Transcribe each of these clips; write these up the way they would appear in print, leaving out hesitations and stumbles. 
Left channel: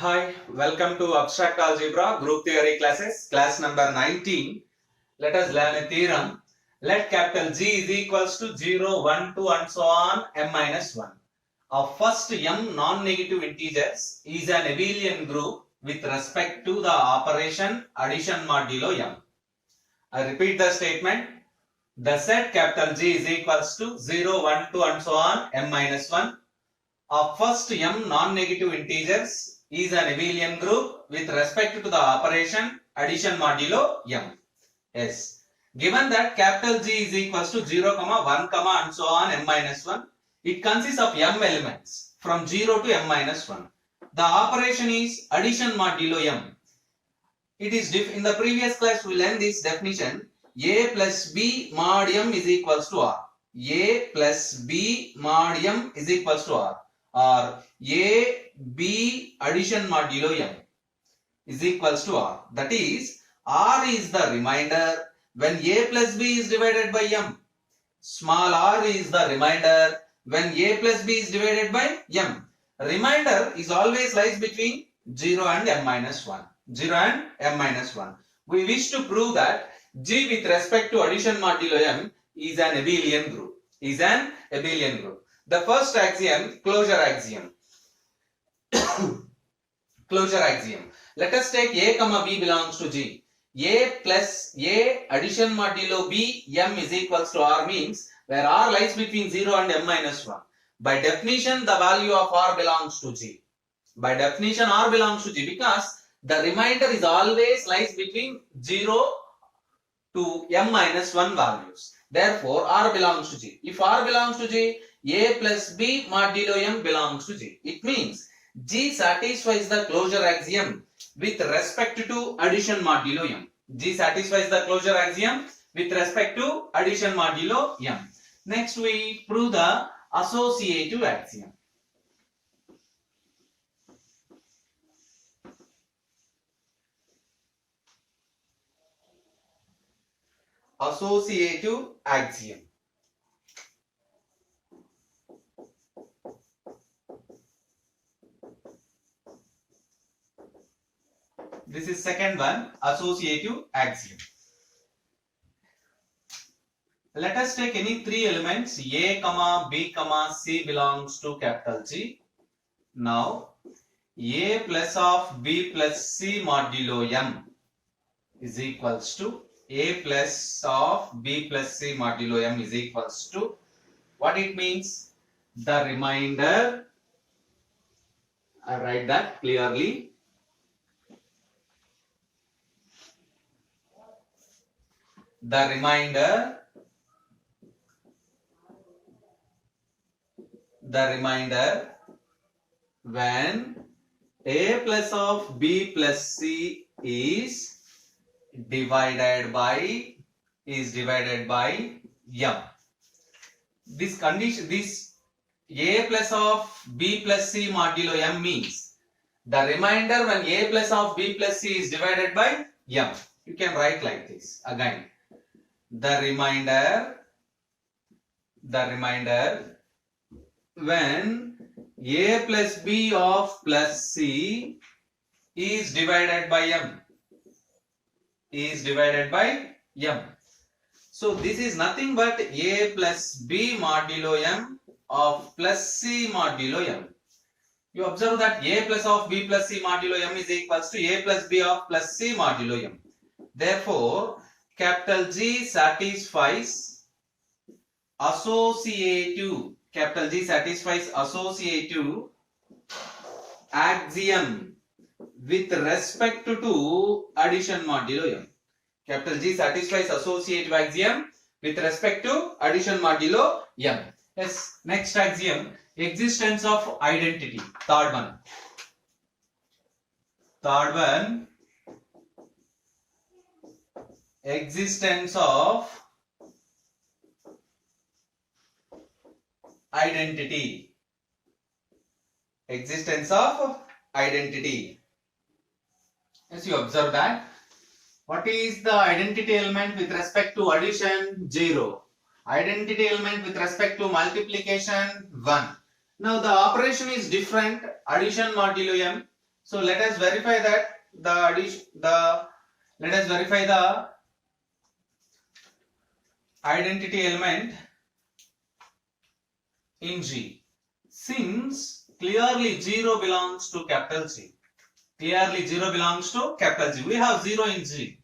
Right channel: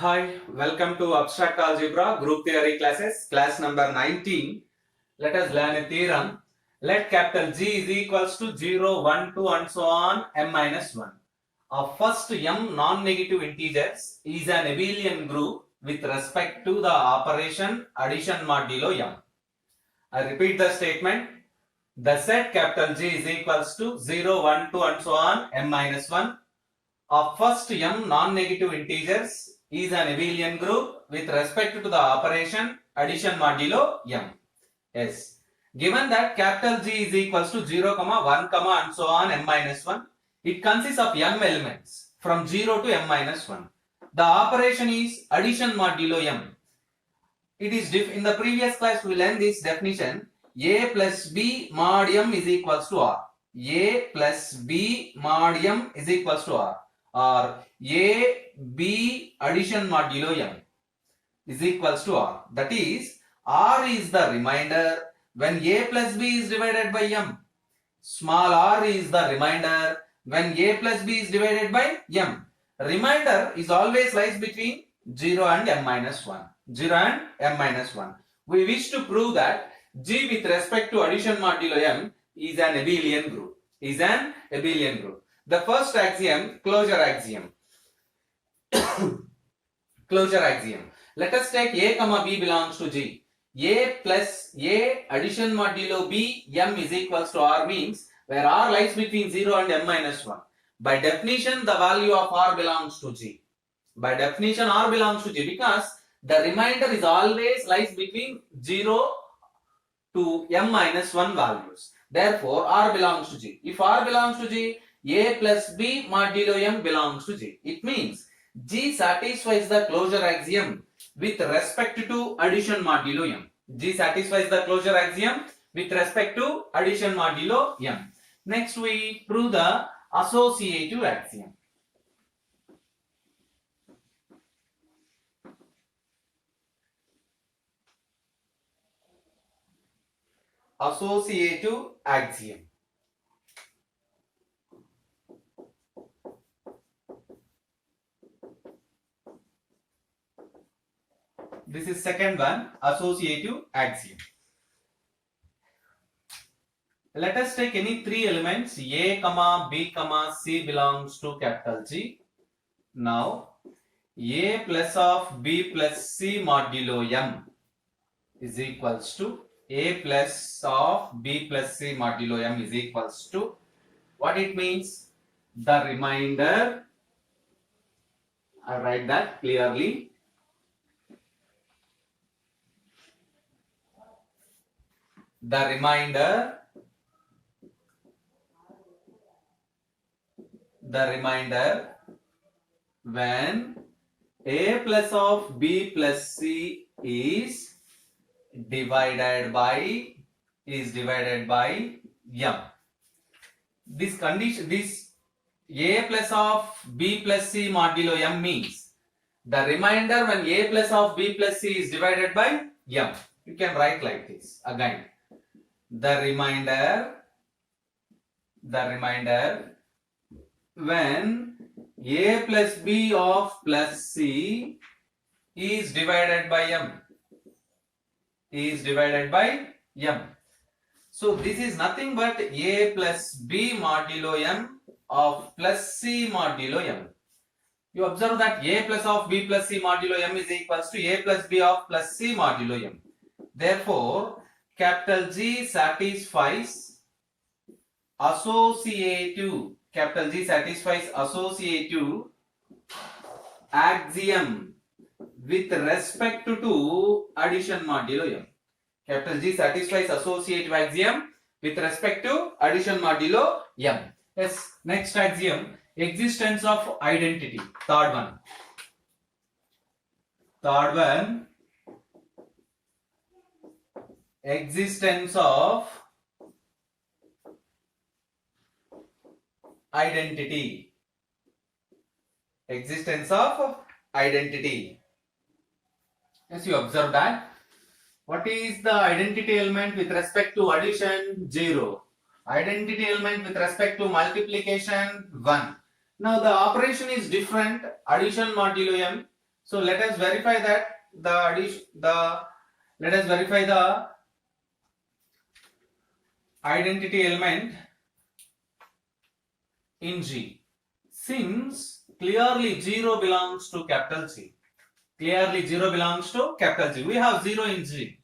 Hi, welcome to Abstract Algebra Group Theory classes, class number 19. Let us learn a theorem. Let capital G is equals to 0, 1, 2 and so on m minus 1. Of first m non-negative integers is an abelian group with respect to the operation addition modulo m. I repeat the statement. The set capital G is equals to 0, 1, 2 and so on m minus 1. Of first m non-negative integers is an abelian group with respect to the operation addition modulo m. Yes. Given that capital G is equals to 0, 1, and so on m minus 1, it consists of m elements from 0 to m minus 1. The operation is addition modulo m. It is in the previous class we learned this definition. A plus b mod m is equals to r. A plus b mod m is equals to r. Or A, B addition modulo m is equals to R. That is, R is the remainder when A plus B is divided by m. Small r is the remainder when A plus B is divided by m. Remainder is always lies between 0 and m minus 1. 0 and m minus 1. We wish to prove that G with respect to addition modulo m is an abelian group. The first axiom, closure axiom. Closure axiom. Let us take A comma B belongs to G. A plus A addition modulo B m is equals to R means where R lies between 0 and m minus 1. By definition, the value of R belongs to G. By definition, R belongs to G because the remainder is always lies between 0 to m minus 1 values. Therefore, R belongs to G. If R belongs to G, A plus B modulo m belongs to G. It means G satisfies the closure axiom with respect to addition modulo m. G satisfies the closure axiom with respect to addition modulo m. Next we prove the associative axiom. Associative axiom. This is second one, associative axiom. Let us take any three elements A, B, C belongs to capital G. Now A plus of B plus C modulo m is equals to A plus of B plus C modulo m is equals to what it means? The remainder, I write that clearly. The remainder when A plus of B plus C is divided by m. This condition, this A plus of B plus C modulo m means the remainder when A plus of B plus C is divided by m. You can write like this again. The remainder when A plus B of plus C is divided by m. So this is nothing but A plus B modulo m of plus C modulo m. You observe that A plus of B plus C modulo m is equals to A plus B of plus C modulo m. Therefore, capital G satisfies associative axiom with respect to addition modulo m. Capital G satisfies associative axiom with respect to addition modulo m. Yes, next axiom, existence of identity. Third one, existence of identity. As you observe that, what is the identity element with respect to addition? 0. Identity element with respect to multiplication? 1. Now the operation is different. Addition modulo m So let us verify that let us verify the identity element in G. Since clearly 0 belongs to capital G. Clearly 0 belongs to capital G. We have 0 in G.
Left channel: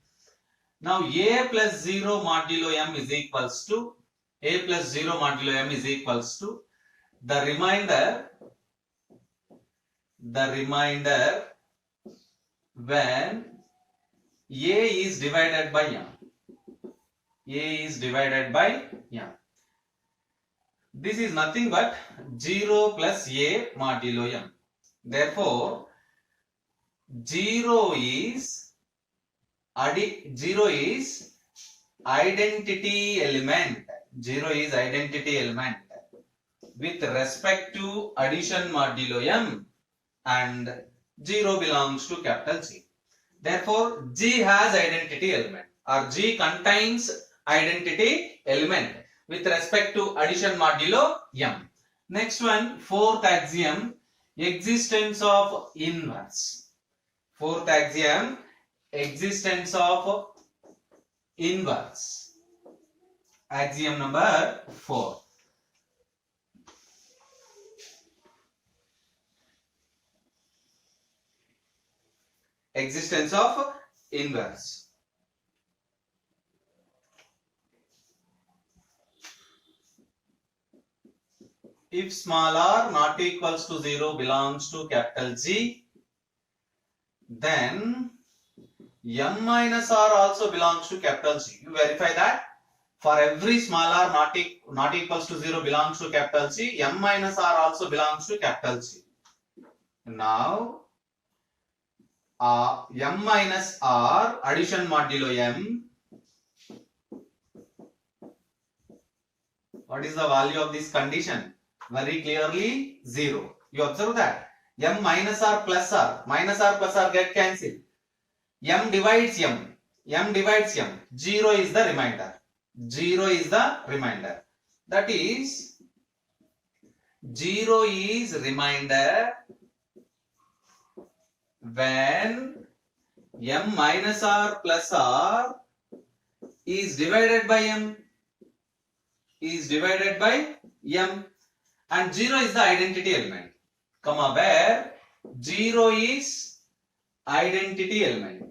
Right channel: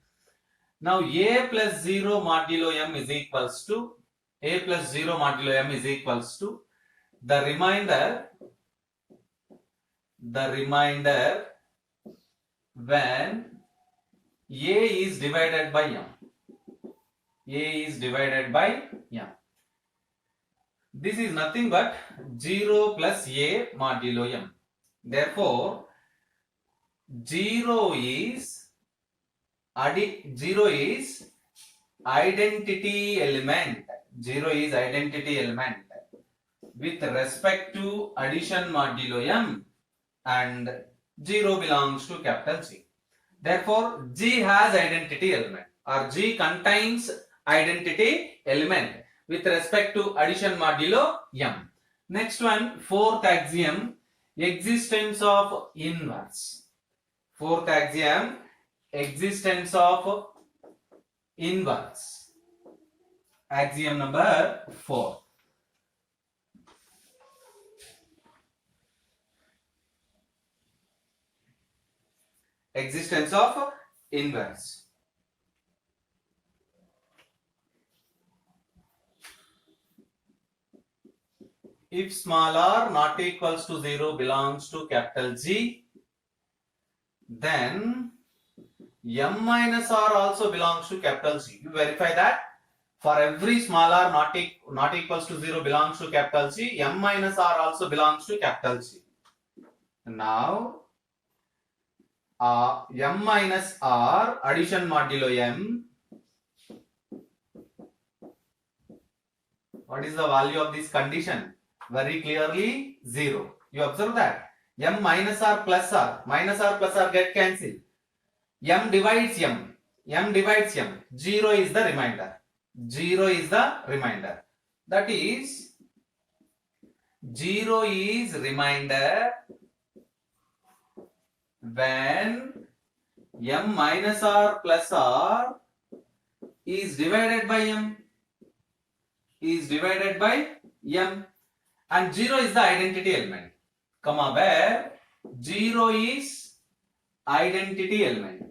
Now A plus 0 modulo M is equals to A plus 0 modulo M is equals to the remainder when A is divided by M. A is divided by M. This is nothing but 0 plus A modulo M. Therefore, 0 is identity element. 0 is identity element with respect to addition modulo M, and 0 belongs to capital G. Therefore, G has identity element, or G contains identity element with respect to addition modulo M. Next one, fourth axiom, existence of inverse. Fourth axiom, existence of inverse. Axiom number 4. Existence of inverse. If small r not equals to 0 belongs to capital G, then M minus r also belongs to capital G. You verify that. For every small r not equals to 0 belongs to capital G, M minus r also belongs to capital G. Now, M minus r, addition modulo M. What is the value of this condition? Very clearly 0. You observe that. M minus r plus r get cancelled. M divides M. M divides M. 0 is the remainder. 0 is the remainder. That is, 0 is remainder when M minus r plus r is divided by M. Is divided by M. And 0 is the identity element, comma, where 0 is identity element.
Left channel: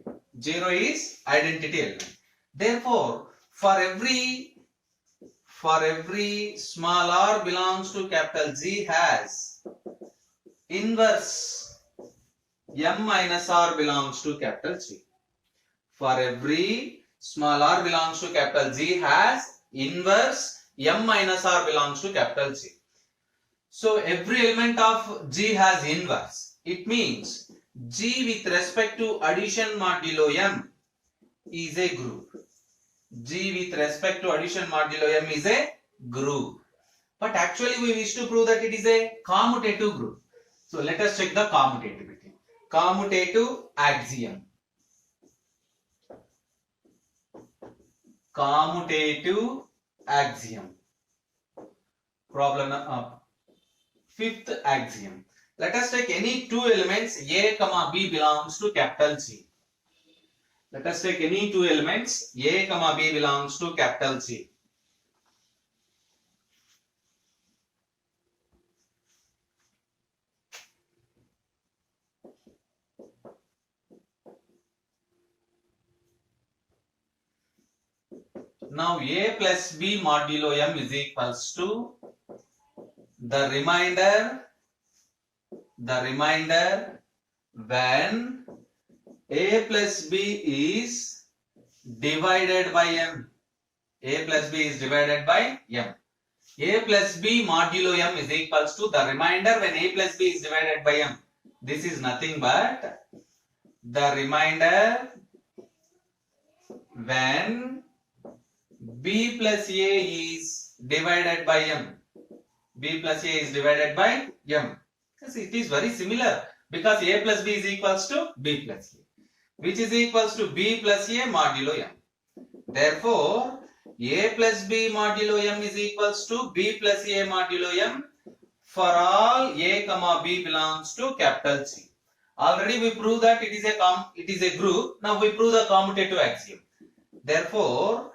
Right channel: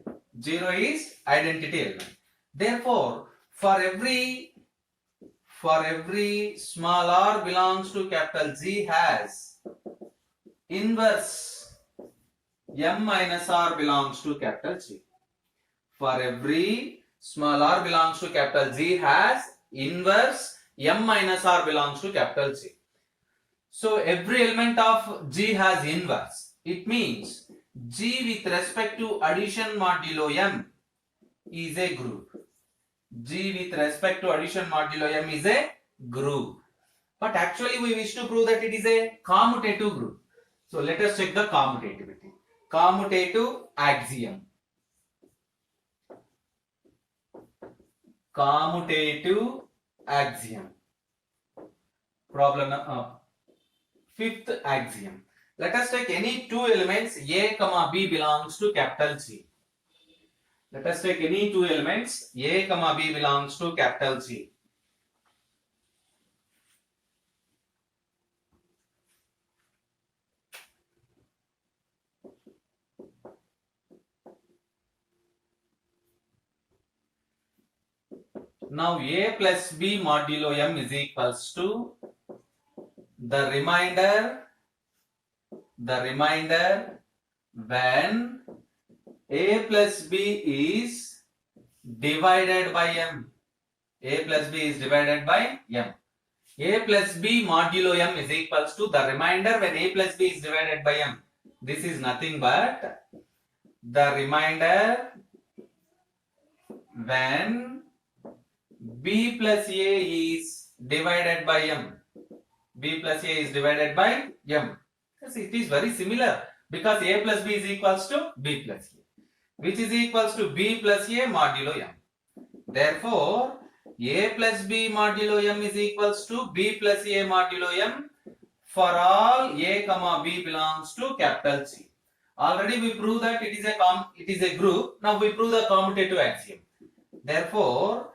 0 is identity element. Therefore, for every small r belongs to capital G has inverse M minus r belongs to capital G. For every small r belongs to capital G has inverse M minus r belongs to capital G. So every element of G has inverse. It means G with respect to addition modulo M is a group. G with respect to addition modulo M is a group. But actually we wish to prove that it is a commutative group. So let us check the commutativity. Commutative axiom. Commutative axiom. Problem fifth axiom. Let us take any two elements A, B belongs to capital G. Let us take any two elements A, B belongs to capital G. Now A plus B modulo M is equals to the remainder when A plus B is divided by M. A plus B is divided by M. A plus B modulo M is equals to the remainder when A plus B is divided by M. This is nothing but the remainder when B plus A is divided by M. B plus A is divided by M. Yes, it is very similar because A plus B is equals to B plus A, which is equals to B plus A modulo M. Therefore, A plus B modulo M is equals to B plus A modulo M for all A, B belongs to capital G. Already we proved that it is a group. Now we prove the commutative axiom. Therefore,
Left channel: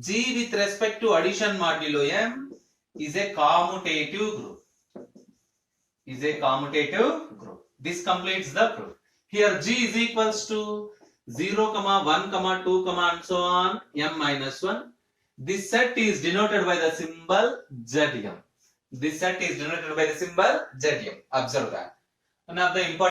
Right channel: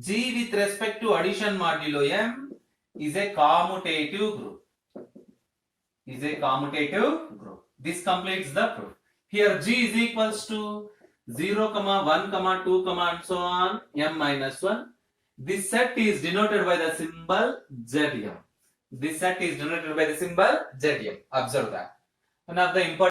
G with respect to addition modulo M is a commutative group. This completes the proof. Here G is equals to 0, 1, 2, and so on, M minus 1. This set is denoted by the symbol ZM. Observe that. One of the important